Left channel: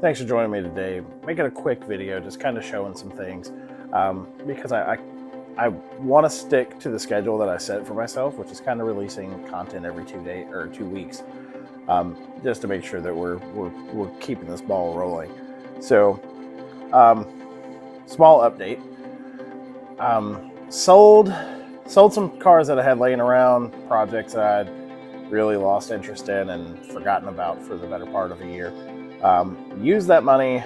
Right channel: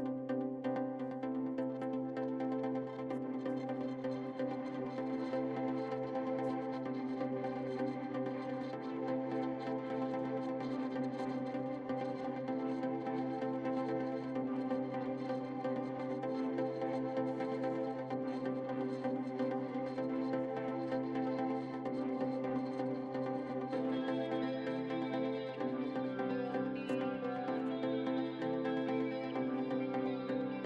Thanks for joining me today. Making a quick video, just kind of showing some things, because I want to stick to the schedule that I set for myself, which is kind of releasing content every 2 weeks, just to make sure that we're keeping this ball rolling. So, small update. Sold some cars that I had laying around, projects that I'd really lost interest in and forgotten about for the better part of a year. Use that money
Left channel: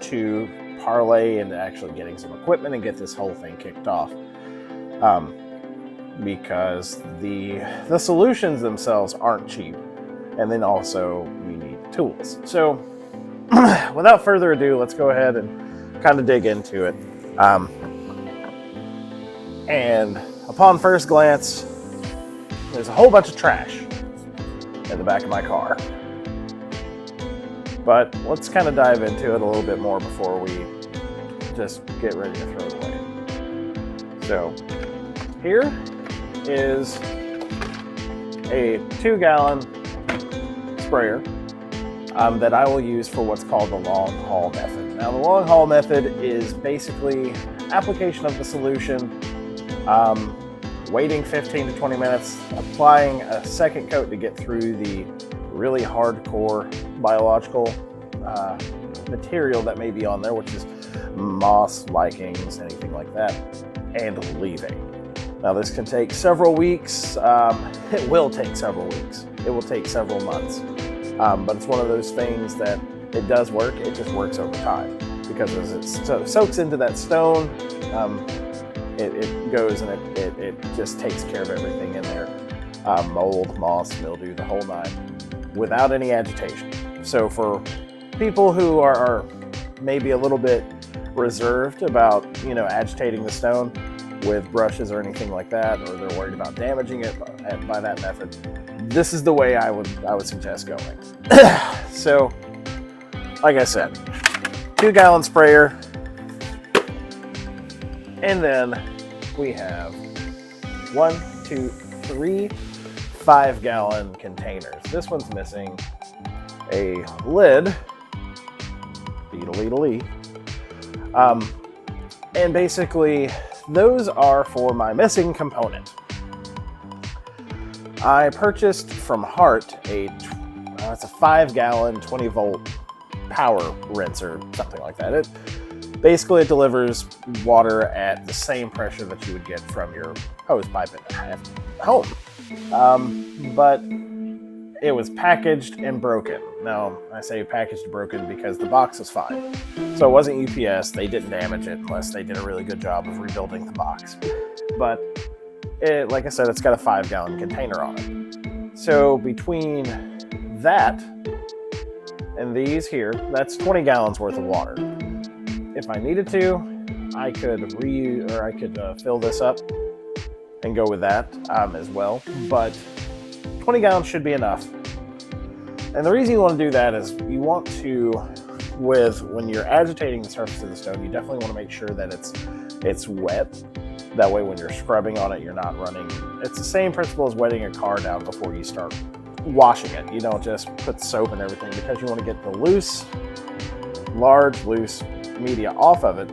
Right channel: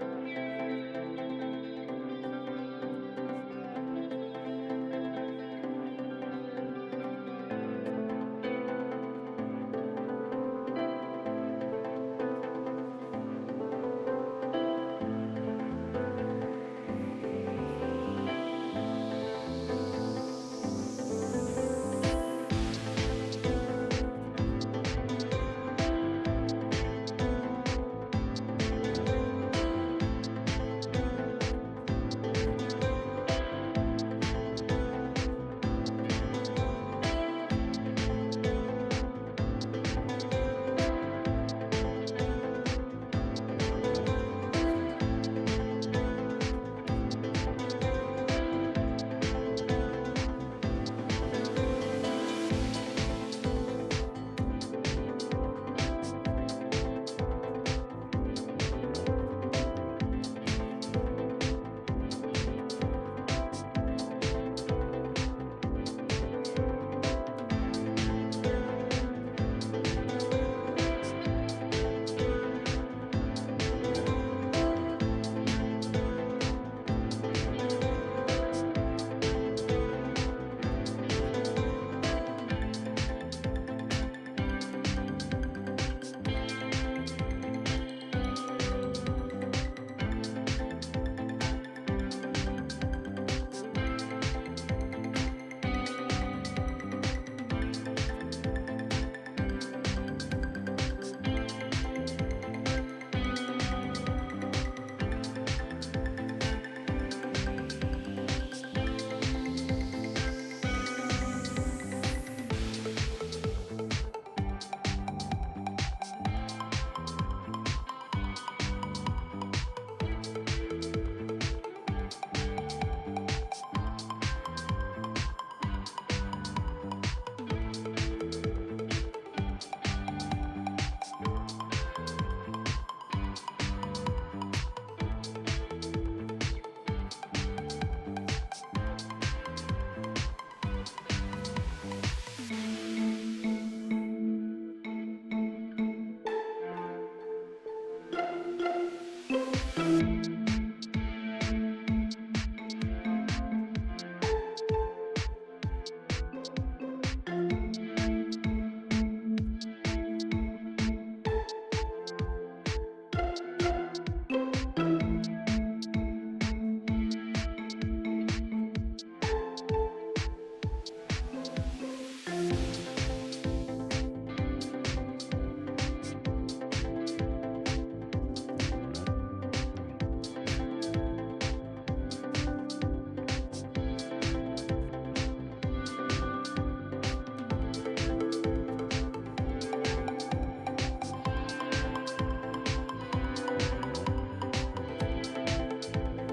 to parlay into actually getting some equipment and get this whole thing kicked off. Because the solutions themselves aren't cheap, and then also we need tools. So without further ado, let's go ahead and kind of dig into it. And upon first glance, there's a whole bunch of trash in the back of my car. But let's kind of dive into it a little bit more before we just get ready to throw it away. So here is a 2-gallon sprayer that I will use for what's called the long haul method. Now, the long haul method is basically application of the solution, waiting 15 to 20 minutes, applying a second coat to get through the really hardcore biological material that may be on there, which is moss, lichens, anything like that, and leaving. Now, this can take several weeks. It will take several weeks. It will take several months. But it's one of those things that it does work. It just works over time, because as it soaks into that stone, it goes and it just takes care of everything in there. Mold, moss, mildew, the whole nine, without any agitation. So for people who are maybe a little bit reserved about, agitating the stone with brushes or anything like that, or they're worried about damaging it by that method, this is the way I would suggest going. So, like I said, 2-gallon sprayer, and then we have 1, 2, 3 5-gallon containers. This one's missing a lid, beedle. And basically, those are for my missing component. I purchased from Hart it's a 5-gallon, 20-volt power rinser, something like that. It delivers water at the same pressure that you would get from your hose pipe at home. But it was packaged and broken. Now, I say packaged and broken because the box was fine. So it wasn't UPS. They didn't damage it unless they did a really good job of rebuilding the box. But like I said, it's got a 5-gallon container on it. So between that and these here, that's 20 gallons worth of water. If I needed to, I could fill this up and go with that as well. But 20 gallons should be enough. And the reason you want to do that is you want to, when you're agitating the surface of the stone, you definitely want to make sure that it's wet. That way when you're scrubbing on it, you're not running. It's the same principle as wetting a car down before you start washing it. You don't just put soap and everything, because you want to get the loose media off of it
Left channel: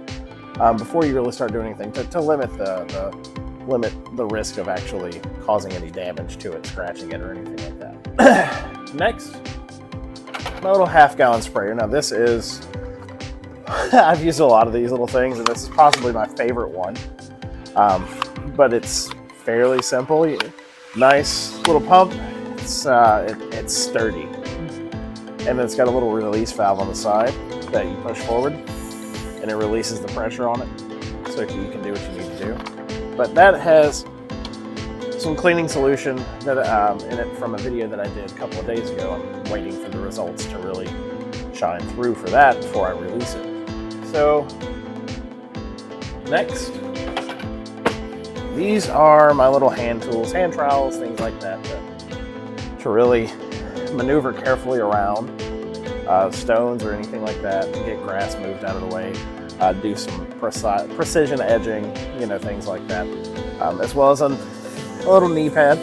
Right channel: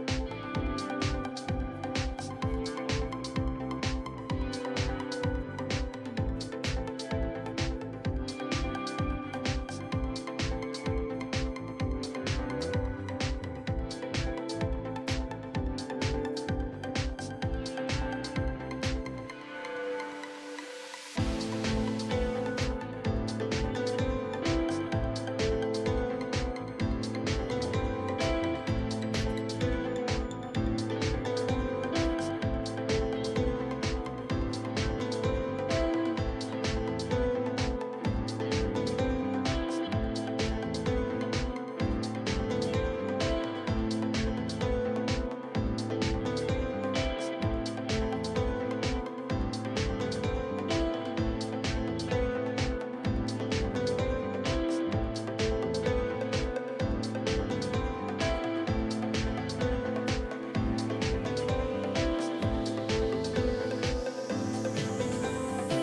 before you really start doing anything to limit the risk of actually causing any damage to it, scratching it, or anything like that. Next, my little 1/2-gallon sprayer. Now this is, I've used a lot of these little things, and this is possibly my favorite one. But it's fairly simple. Nice little pump. It's sturdy, and it's got a little release valve on the side that you push forward, and it releases the pressure on it, so you can do what you need to do. But that has some cleaning solution that in it from a video that I did a couple of days ago. I'm waiting for the results to really shine through for that before I release it. So next, these are my little hand tools, hand trowels, things like that, to really maneuver carefully around stones or anything like that, get grass moved out of the way, do some precision edging, things like that, as well as a little knee pad,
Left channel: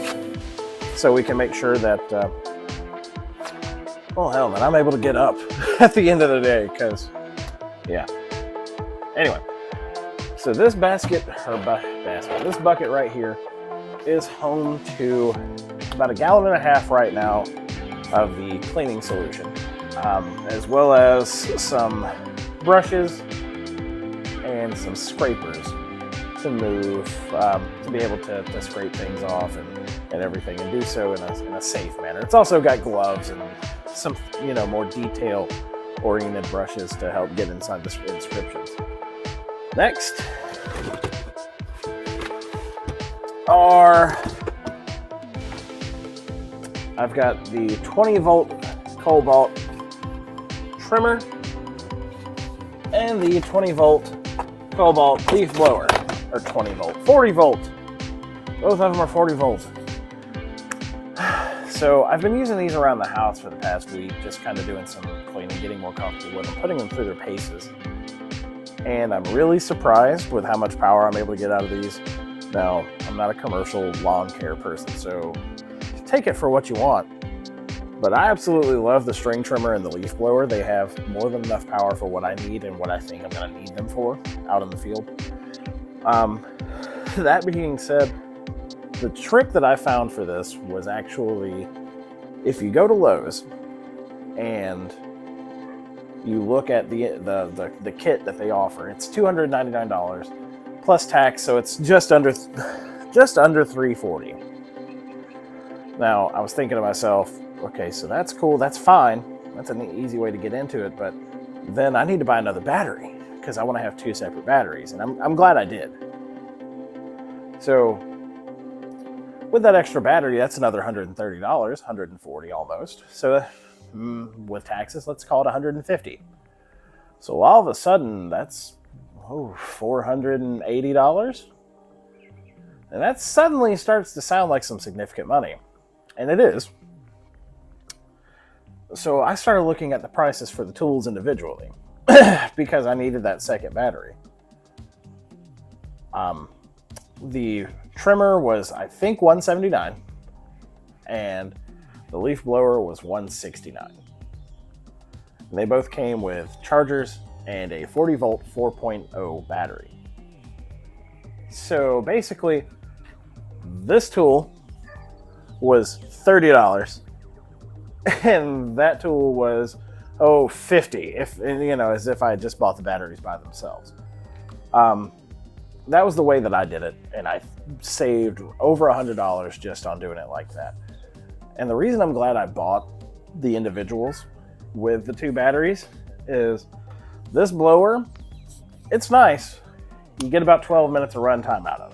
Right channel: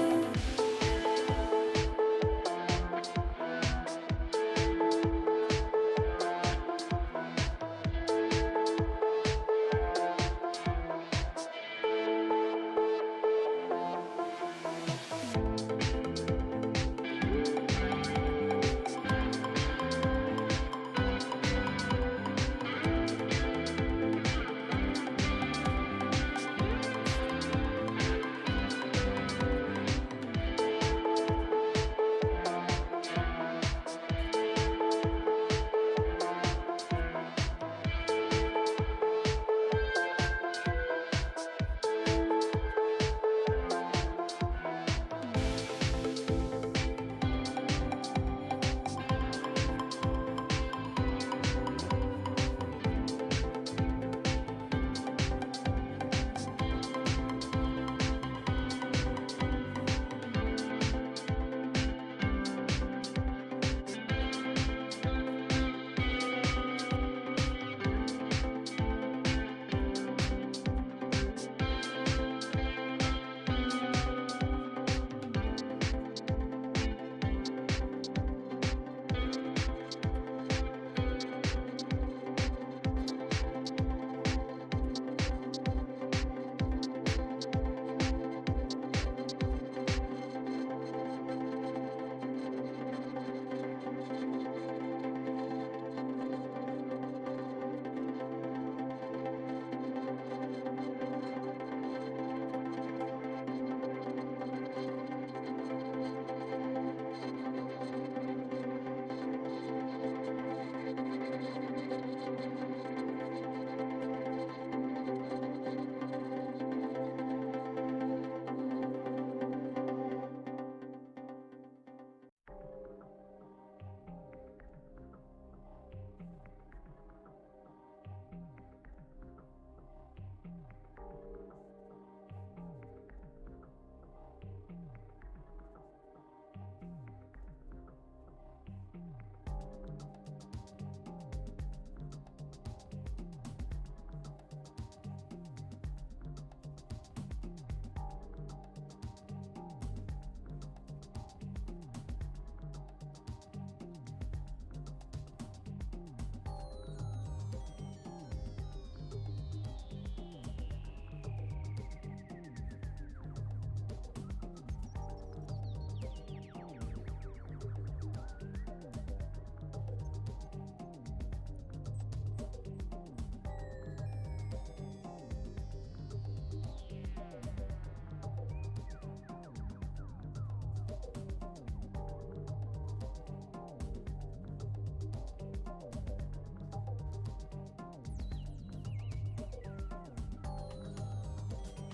so we can make sure that Oh hell, man, I'm able to get up at the end of the day, because, yeah. Anyway, so this basket, this bucket right here is home to about 1.5 gallons right now of the cleaning solution, as well as some brushes and some scrapers to move, to be able to scrape things off and everything, and do so in a safe manner. It's also got gloves and some, more detail-oriented brushes to help get inside the inscriptions. Next I've got the 20-volt cobalt trimmer and the 20-volt cobalt leaf blower, or 20-volt, 40-volt. Both of them are 40 volts. So I've been using these around the house for the past week, just kind of doing some cleaning, getting more comfortable with them, putting them through their paces. And I'm really surprised with how much power I'm able to get out of these. Now, I'm not a commercial lawn care person, so take it for what you want. But I absolutely love the string trimmer and the leaf blower. They have more than enough power for what I need and what I think I'm going to need them for out in the field. That being said, the trick that I found for this was actually, if you go to Lowe's and you look at the kit that they offer, it's $299 plus tax, so it's just under $340. Now, I was thinking to myself, okay, so that's cool, that's fine, that's an easy way to get into it, but then I need to buy another battery because I want to have 2 separate batteries, and I'm glad I did. So with that extra battery, that's another $130, $140 almost. So with taxes, let's call it $150. So all of a sudden, that's $480. And that suddenly starts to sound like some significant money. And it is. So I started looking at the prices for the tools individually because I needed that second battery. The trimmer was, I think, $179, and the leaf blower was $169. They both came with chargers and a 40-volt 4.0 battery. So basically, this tool was $30, and that tool was $50. As if I had just bought the batteries by themselves. That was the way that I did it, and I saved over $100 just on doing it like that. And the reason I'm glad I bought the individuals with the 2 batteries is this blower, it's nice. You get about 12 minutes of runtime out of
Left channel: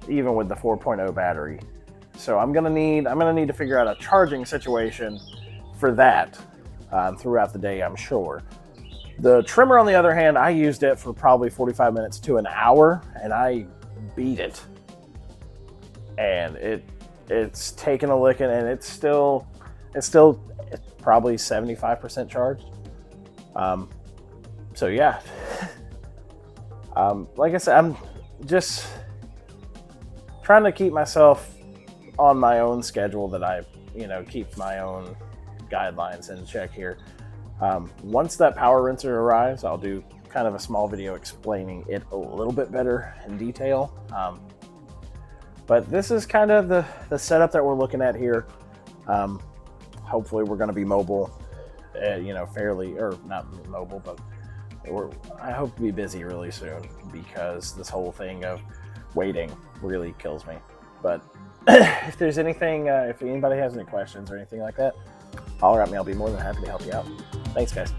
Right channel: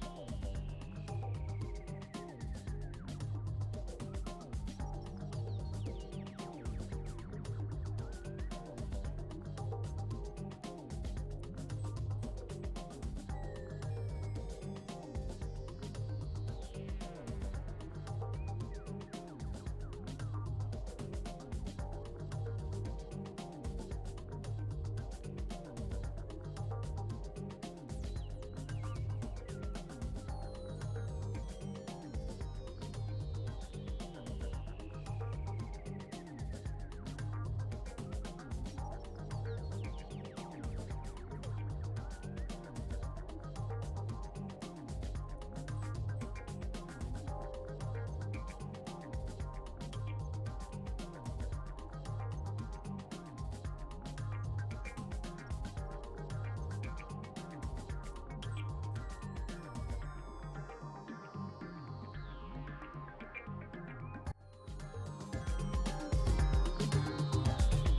it, even with the 4.0 battery. So I'm gonna need to figure out a charging situation for that throughout the day, I'm sure. The trimmer, on the other hand, I used it for probably 45 minutes to an hour, and I beat it. And it's taken a licking, and it's still probably 75% charged. So yeah. Like I said, I'm just trying to keep myself on my own schedule, that I, keep my own guidelines in check here. Once that power rinser arrives, I'll do kind of a small video explaining it a little bit better in detail. But this is kind of the setup that we're looking at here. Hopefully we're going to be mobile, fairly, or not mobile, but I hope to be busy really soon, because this whole thing of waiting really kills me. But if there's anything, if anybody has any questions or anything like that, holler at me. I'll be more than happy to help you out. Thanks, guys.